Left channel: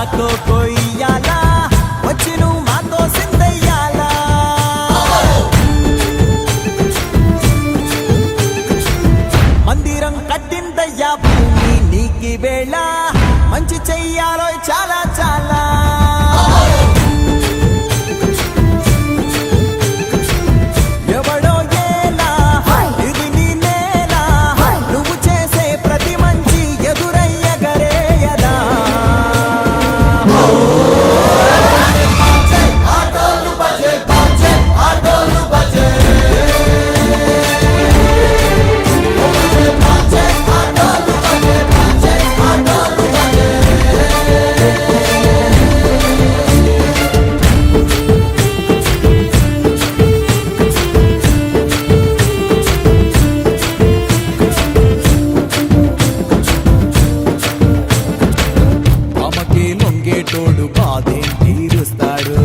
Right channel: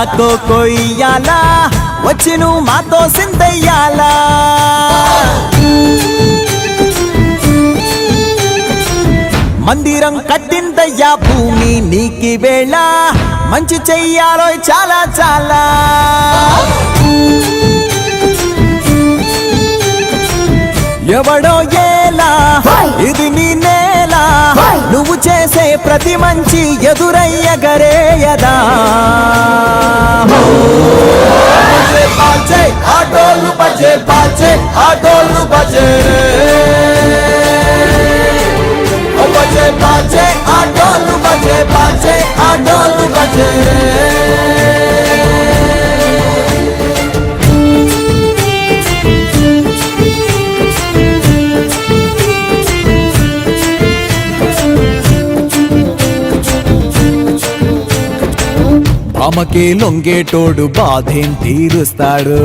కొయ్యాలా వచ్చి నువ్వు మాతో సిందయ్యాలా మందిరం కట్టిందయ్యా భూమి నీకి వేళ మంచి చెయ్యాలో చాలా చాలా ఎవడో ఏలా ఇది నీ నేల నువ్వు చేసే ప్రతి మంచి ఎదురయ్యగరేయదా ఆటోలు బజే బాజే ఆటోలు బజే బజే బాజే ఆటోలు బజే బాజే ఆటోలు బజే భామకే లొంగేటోడు బాధేం తీరుస్తాడు